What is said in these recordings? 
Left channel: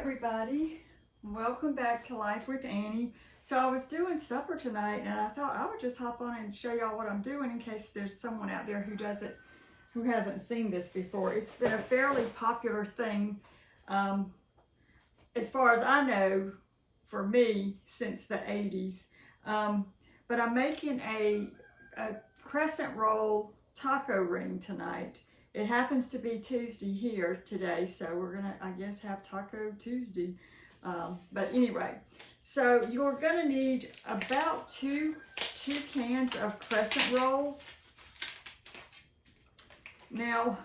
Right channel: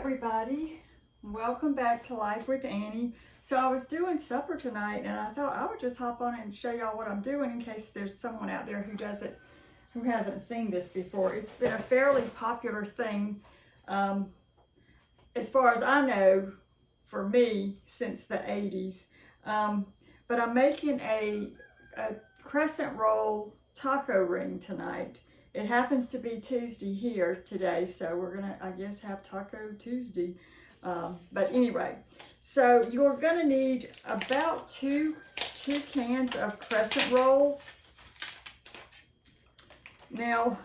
everybody, welcome back to Life with Annie. So I was doing supper tonight and I thought I would just hop on and show y'all what I'm doing in case there's someone out there who hasn't seen this before. It's been a fairly popular thing, as far as I know, for me since the 80s. But I'm making a crescent roll taco ring tonight. It happens to be Tuesday here today, so we're gonna, I guess, have Taco Tuesday. But anyway, so you're gonna need about two cans of crescent rolls. Now,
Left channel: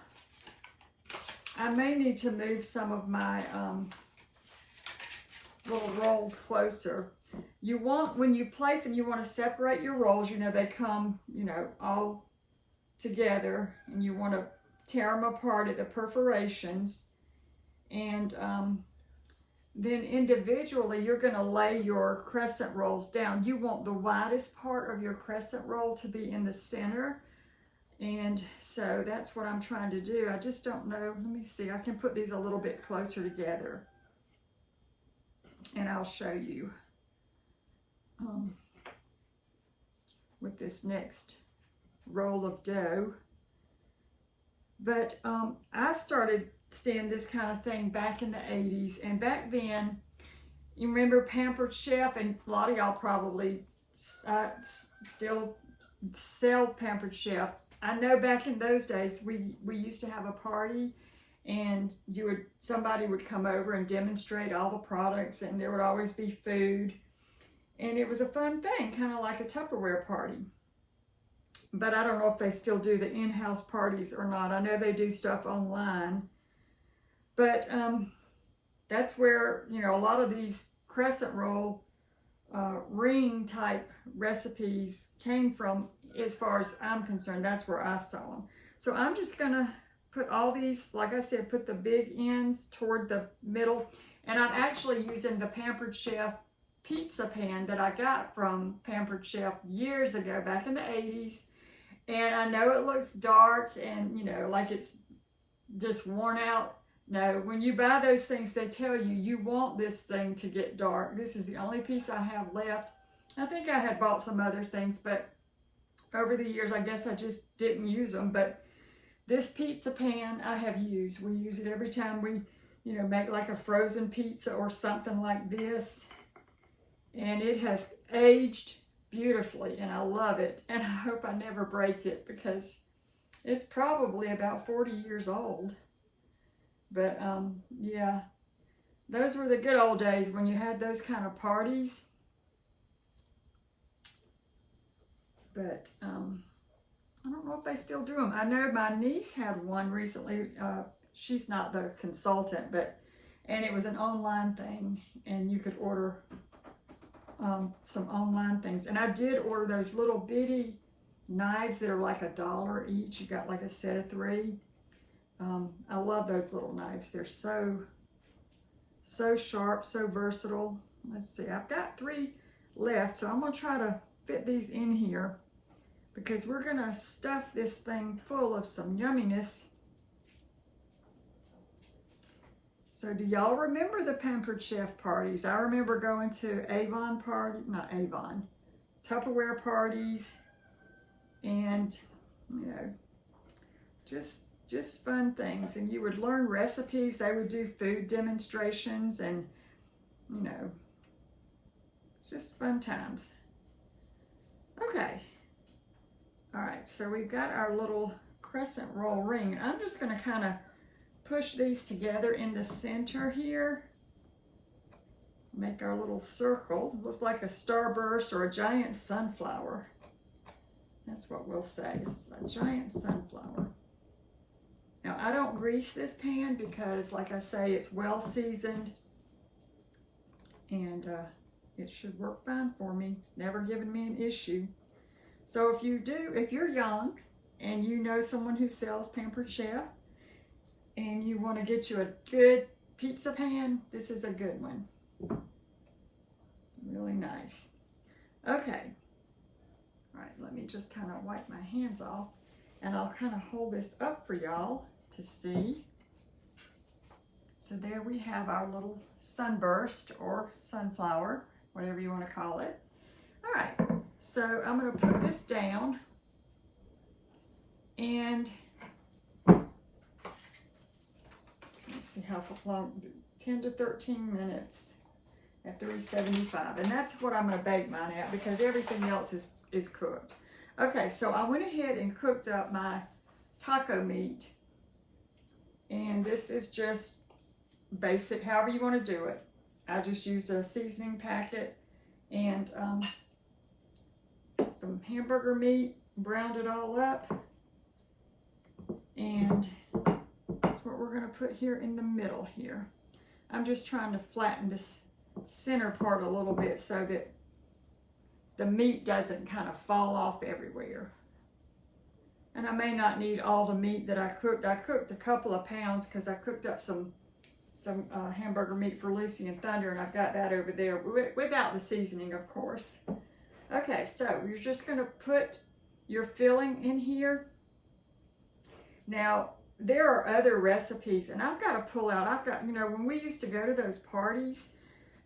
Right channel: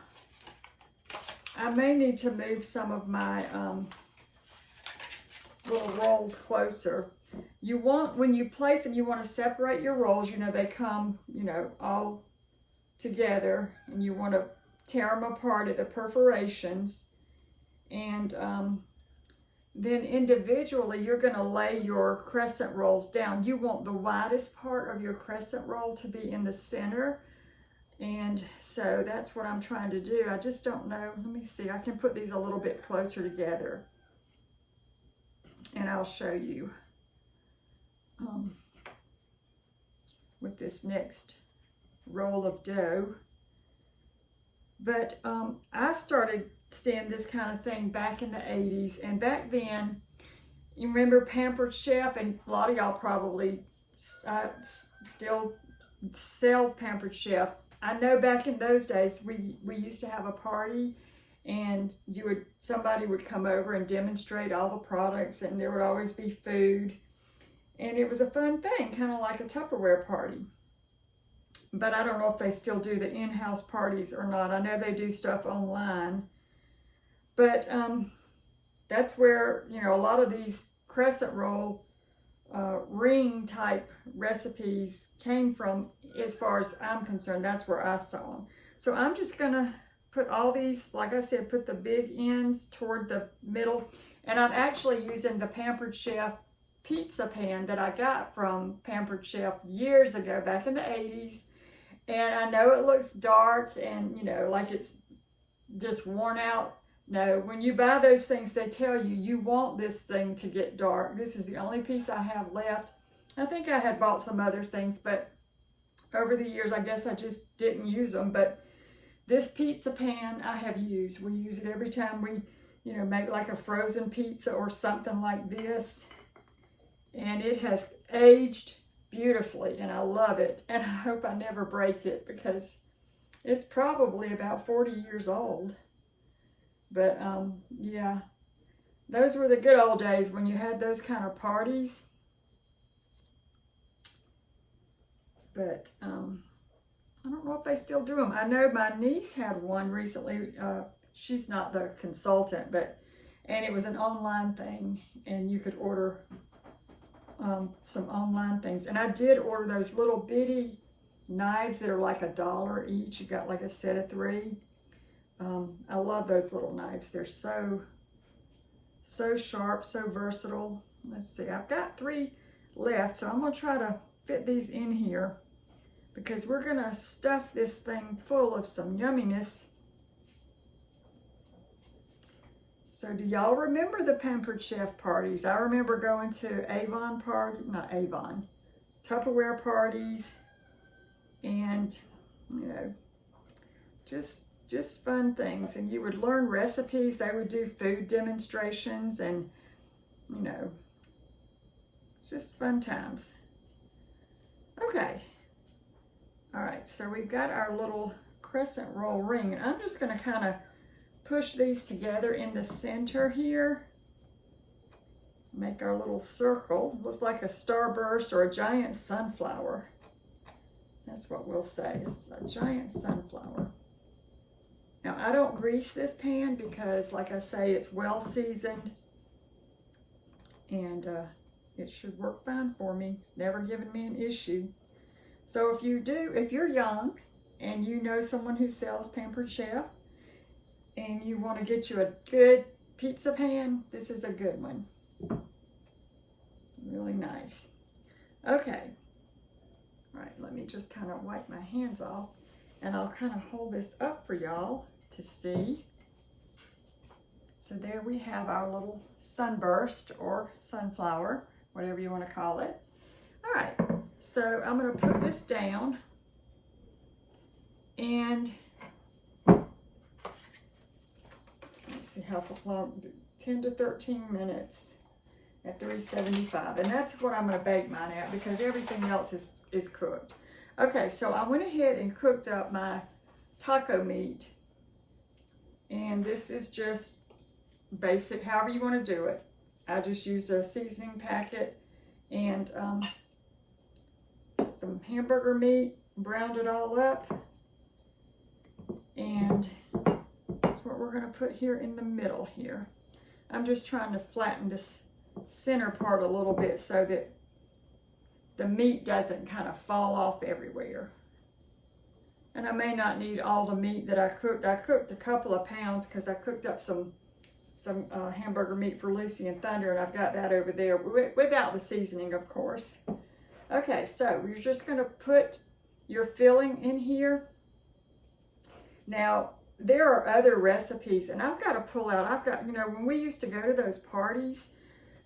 I may need to move some of my little rolls closer. You want, when you place them, you want to separate your rolls. You know, they come, all together, and you want to tear them apart at the perforations, and then individually you're going to lay your crescent rolls down. You want the widest part of your crescent roll to be in the center, and so that's what I'm trying to do. I just don't know. Let me see. I can put these a little bit closer together and I'll show you with this next roll of dough. But I started seeing this kind of thing back in the 80s, and back then, you remember Pampered Chef, and a lot of y'all probably still sell Pampered Chef. I know back in those days, we used to have a party, and somebody would come over and demonstrate all the products, and there would always be food, and it was a fun thing, kind of like a Tupperware party. But I don't know if they still do the in-house parties or not. I know they do stuff online. But that's where, a lot of these crescent roll ring type recipes came from, as far as I'm concerned. That's where I saw them. So I'm just going to put all these, like I said, put the big ends toward the middle. And I'm actually using the Pampered Chef pizza pan that I got from Pampered Chef years ago, back in the 80s. And I know it looks dark and, like it's just worn out. No, when you buy those things, they tell you, you want this thing to get dark. This is the only piece I have left. I think I had bought some other things, but over the years, I guess I just didn't use them. But this pizza pan I have used. We use it every time we, make like a frozen pizza or something like this. And it has aged beautifully, and I love it, and I hope I never break it, because it's probably about 40 years old. But yeah, those were the good old days when you had those kind of parties. But I don't know if they still do them. I know my niece had one recently. She's not the consultant, and it was an online thing, and you could order some online things. And I did order those little bitty knives that are like $1 each. You got like a set of 3. I love those little knives. They're so sharp, so versatile. Let's see, I've got 3 left, so I'm gonna try to fit these in here, because we're gonna stuff this thing full of some yumminess. So do y'all remember the Pampered Chef parties? I remember going to Tupperware parties, and just fun things. And you would learn recipes. They would do food demonstrations, and just fun times. Okay. All right, so we've got our little crescent roll ring, and I'm just going to kind of push these together in the center here. Make our little circle. Looks like a starburst or a giant sunflower. That's what we'll say. It's a giant sunflower. Now, I don't grease this pan because, like I say, it's well seasoned, and it should work fine for me. It's never given me an issue. So if you're young and you know someone who sells Pampered Chef, and you want to get you a good pizza pan, this is a good one. Really nice. Okay. All right, let me just kind of wipe my hands off, and I'll kind of hold this up for y'all to see. So there we have our little sunburst or sunflower, whatever you want to call it. All right, so I'm going to put this down, and let's see how long, 10 to 13 minutes at 375. And that's what I'm going to bake mine at because everything else is cooked. Okay, so I went ahead and cooked up my taco meat. And this is just basic, however you want to do it. I just used a seasoning packet and some hamburger meat, browned it all up. And that's what we're going to put here in the middle here. I'm just trying to flatten this center part a little bit so that the meat doesn't kind of fall off everywhere. And I may not need all the meat that I cooked. I cooked a couple of pounds because I cooked up some hamburger meat for Lucy and Thunder, and I've got that over there without the seasoning, of course. Okay, so you're just going to put your filling in here. Now, there are other recipes, and I've got to pull out. I've got, you know, when we used to go to those parties,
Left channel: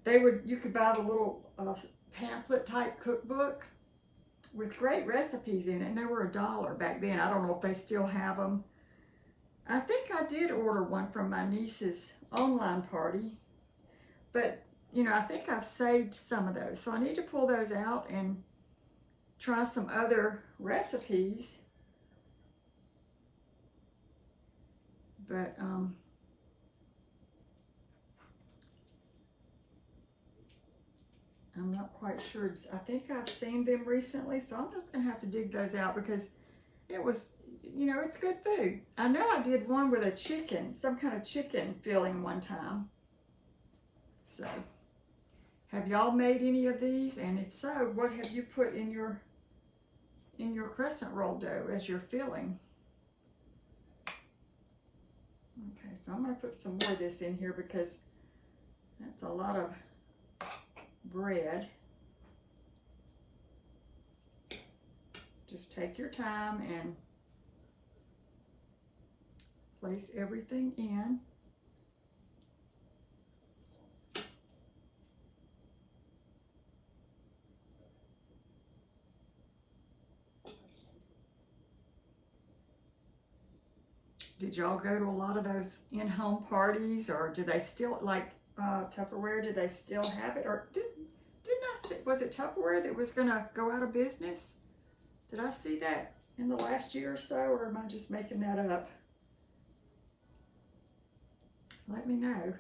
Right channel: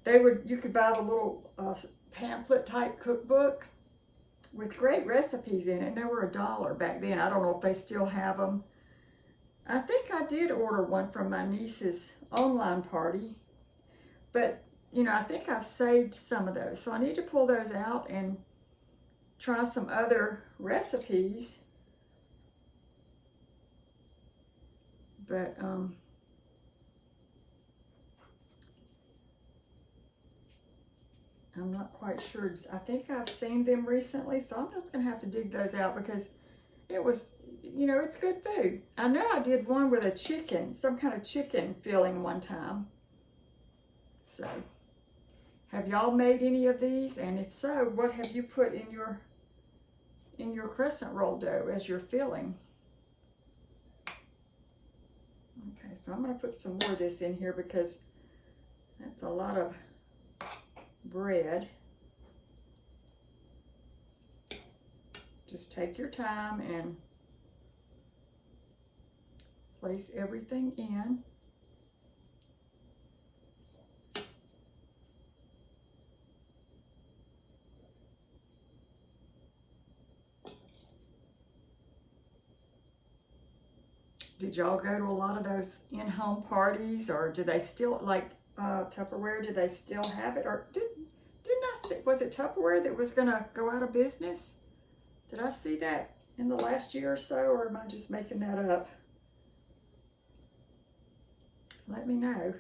you could buy the little pamphlet type cookbook with great recipes in it, and they were $1 back then. I don't know if they still have them. I think I did order one from my niece's online party, but you know, I think I've saved some of those, so I need to pull those out and try some other recipes. But I'm not quite sure. I think I've seen them recently, so I'm just going to have to dig those out because it was, you know, it's good food. I know I did one with a chicken, some kind of chicken filling one time. So, have y'all made any of these? And if so, what have you put in your crescent roll dough as your filling? Okay, so I'm going to put some more of this in here because that's a lot of bread. Just take your time and place everything in. Did y'all go to a lot of those in-home parties, or do they still, like Tupperware, do they still have it? Or didn't I see, was it Tupperware that was gonna go out of business? Did I see that in the last year or so, or am I just making that up? Let me know.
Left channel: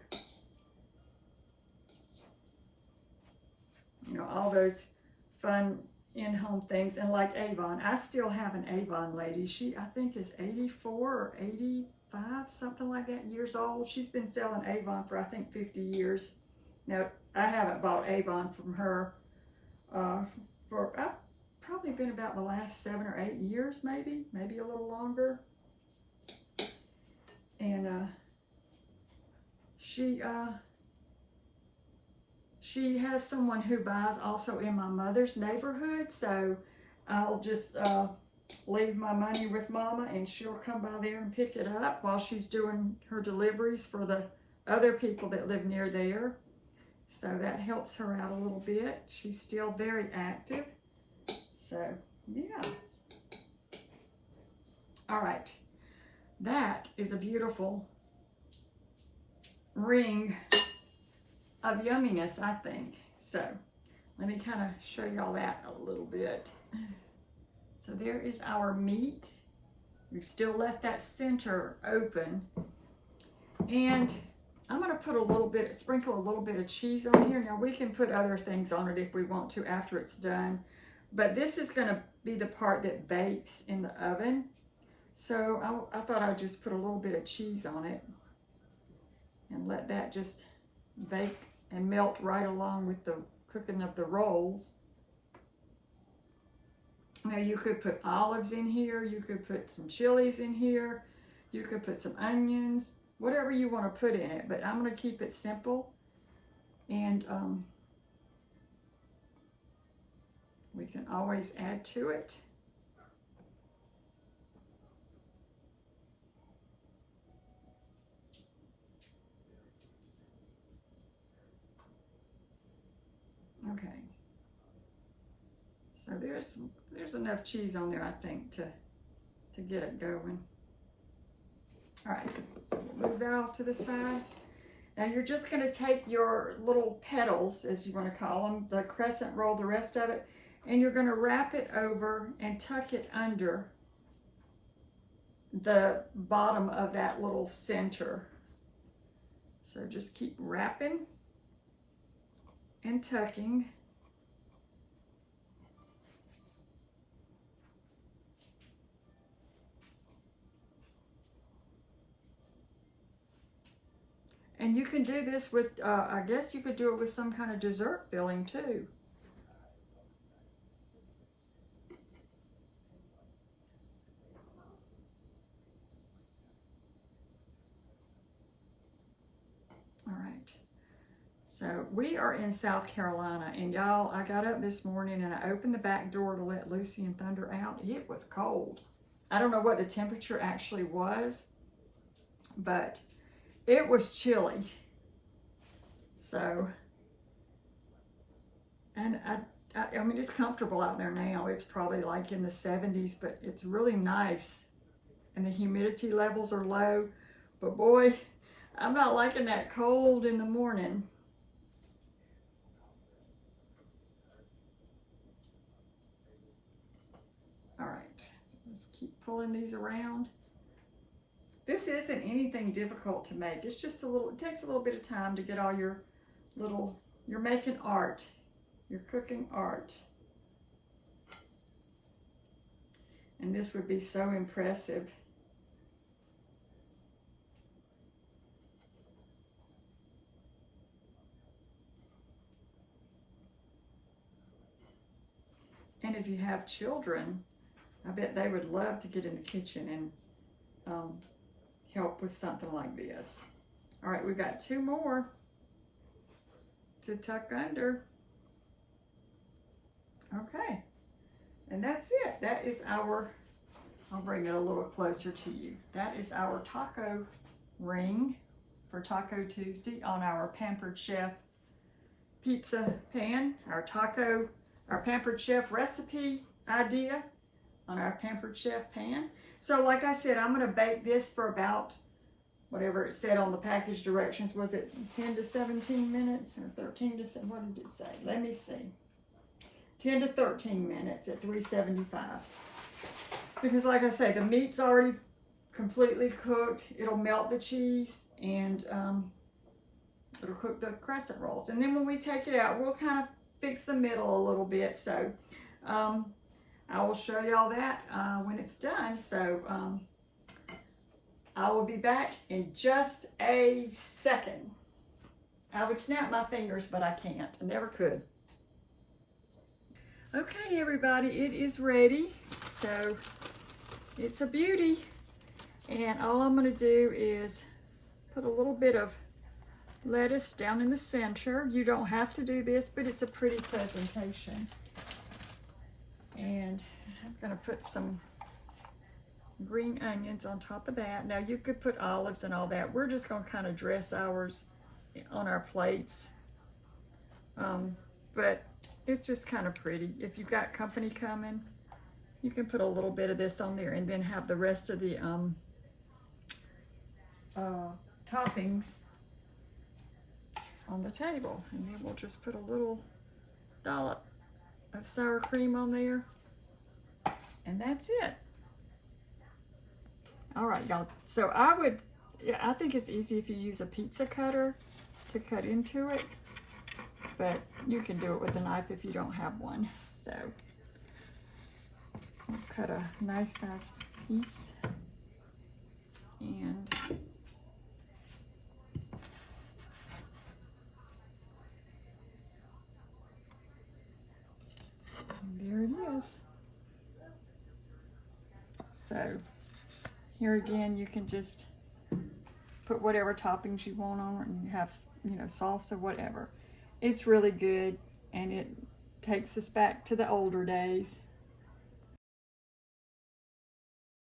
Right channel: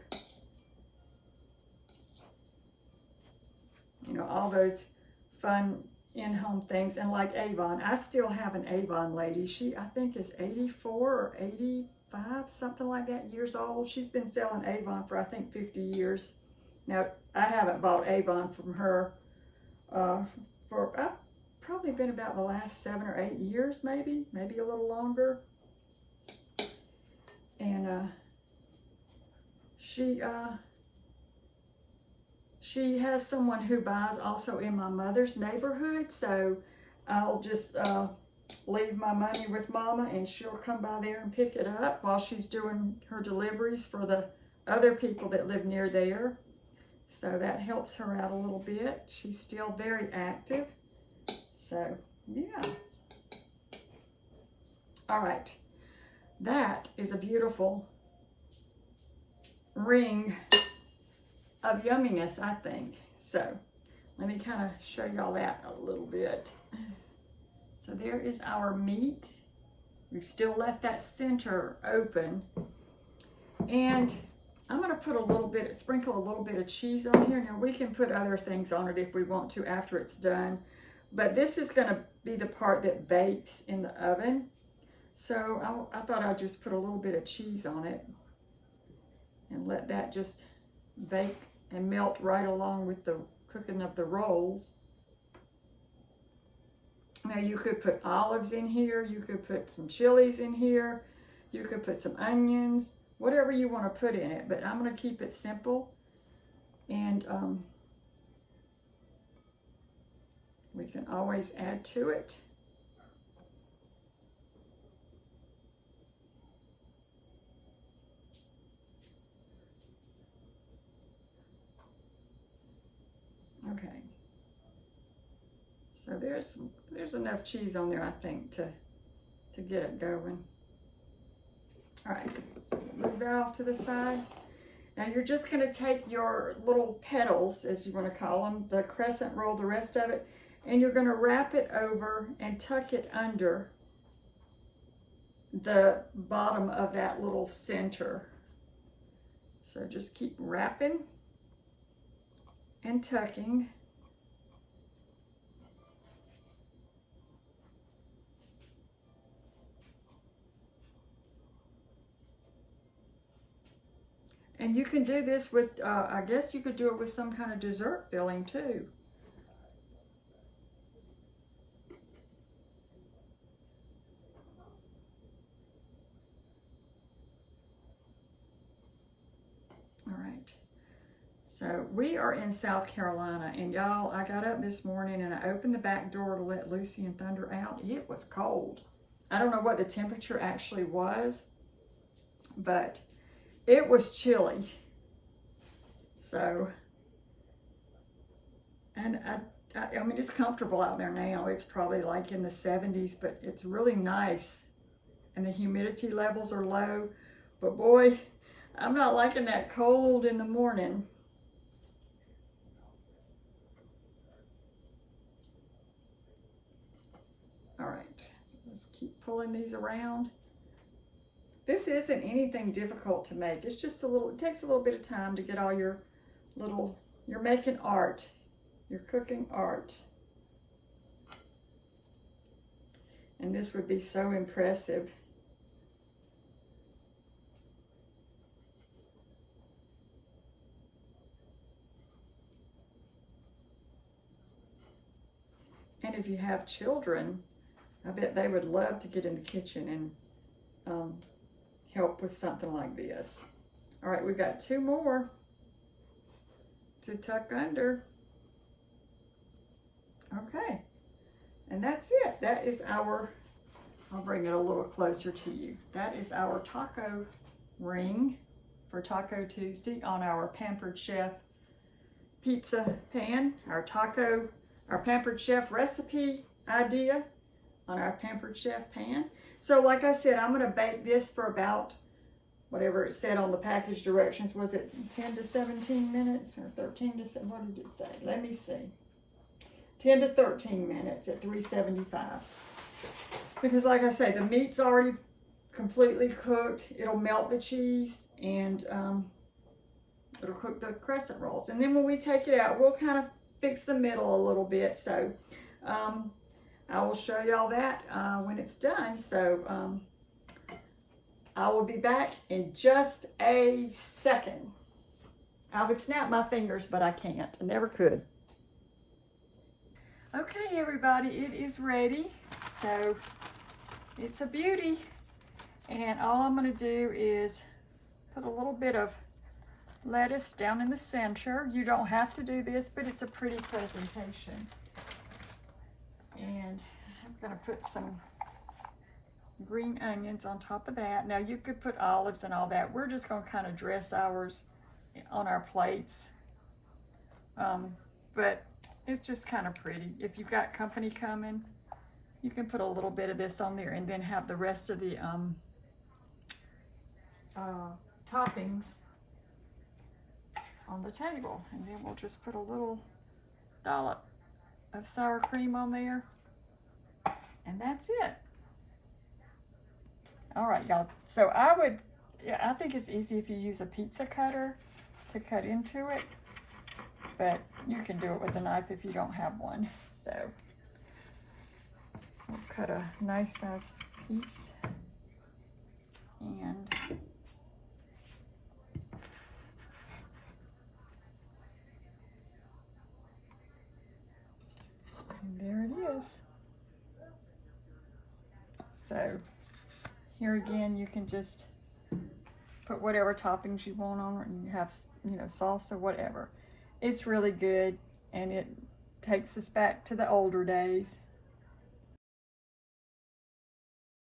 You know, all those fun in-home things. And like Avon, I still have an Avon lady. She, I think, is 84 or 85, something like that, years old. She's been selling Avon for, I think, 50 years. Now, I haven't bought Avon from her for, I've probably been about the last 7 or 8 years, maybe a little longer. And she has someone who buys also in my mother's neighborhood, so I'll just leave my money with Mama and she'll come by there and pick it up while she's doing her deliveries for the other people that live near there. So that helps her out a little bit. She's still very active. So, yeah. All right. That is a beautiful ring of yumminess, I think. So let me kind of show y'all that a little bit. So there is our meat. We've still left that center open. And I'm going to put a little bit, sprinkle a little bit of cheese on here. Now we can put other things on it if we want to after it's done. But this is going to be the part that bakes in the oven. So I thought I'd just put a little bit of cheese on it and let that just bake and melt right along with the cooking of the rolls. Now you could put olives in here, you could put some chilies in here, you could put some onions, whatever you want to put in it, but I'm going to keep it simple. And we can always add to it. So there's enough cheese on there, I think, to get it going. All right, so we'll move that off to the side. Now you're just going to take your little petals, as you want to call them, the crescent roll, the rest of it, and you're going to wrap it over and tuck it under the bottom of that little center. So just keep wrapping and tucking. And you can do this with, I guess you could do it with some kind of dessert filling too. All right. So we are in South Carolina, and y'all, I got up this morning and I opened the back door to let Lucy and Thunder out. It was cold. I don't know what the temperature actually was, but it was chilly. So, and I mean, it's comfortable out there now. It's probably like in the 70s, but it's really nice. And the humidity levels are low. But boy, I'm not liking that cold in the morning. All right, so let's keep pulling these around. This isn't anything difficult to make. It's just it takes a little bit of time to get all your you're making art. You're cooking art. And this would be so impressive. And if you have children, I bet they would love to get in the kitchen and help with something like this. All right, we've got 2 more to tuck under. Okay, and that's it. That is our, I'll bring it a little closer to you. That is our taco ring for Taco Tuesday on our Pampered Chef pizza pan, our Pampered Chef recipe idea on our Pampered Chef pan. So like I said, I'm gonna bake this for about, whatever it said on the package directions, was it 10 to 17 minutes or 13 to, what did it say? Let me see. 10 to 13 minutes at 375. Because like I say, the meat's already completely cooked. It'll melt the cheese and it'll cook the crescent rolls. And then when we take it out, we'll kind of fix the middle a little bit. So I will show y'all that when it's done. So I will be back in just a second. I would snap my fingers, but I can't. I never could. Okay, everybody, it is ready. So it's a beauty. And all I'm going to do is put a little bit of lettuce down in the center. You don't have to do this, but it's a pretty presentation. And I'm going to put some green onions on top of that. Now you could put olives and all that. We're just going to kind of dress ours on our plates. But it's just kind of pretty. If you've got company coming, you can put a little bit of this on there and then have the rest of the toppings on the table. And then we'll just put a little dollop of sour cream on there. And that's it. All right, y'all. So I think it's easy if you use a pizza cutter to cut into it. But you can do it with a knife if you don't have one. So I'll cut a nice size piece. And there it is. So here again, you can just put whatever toppings you want on it, and you have, salsa, whatever. It's really good, and it takes us back to the older days.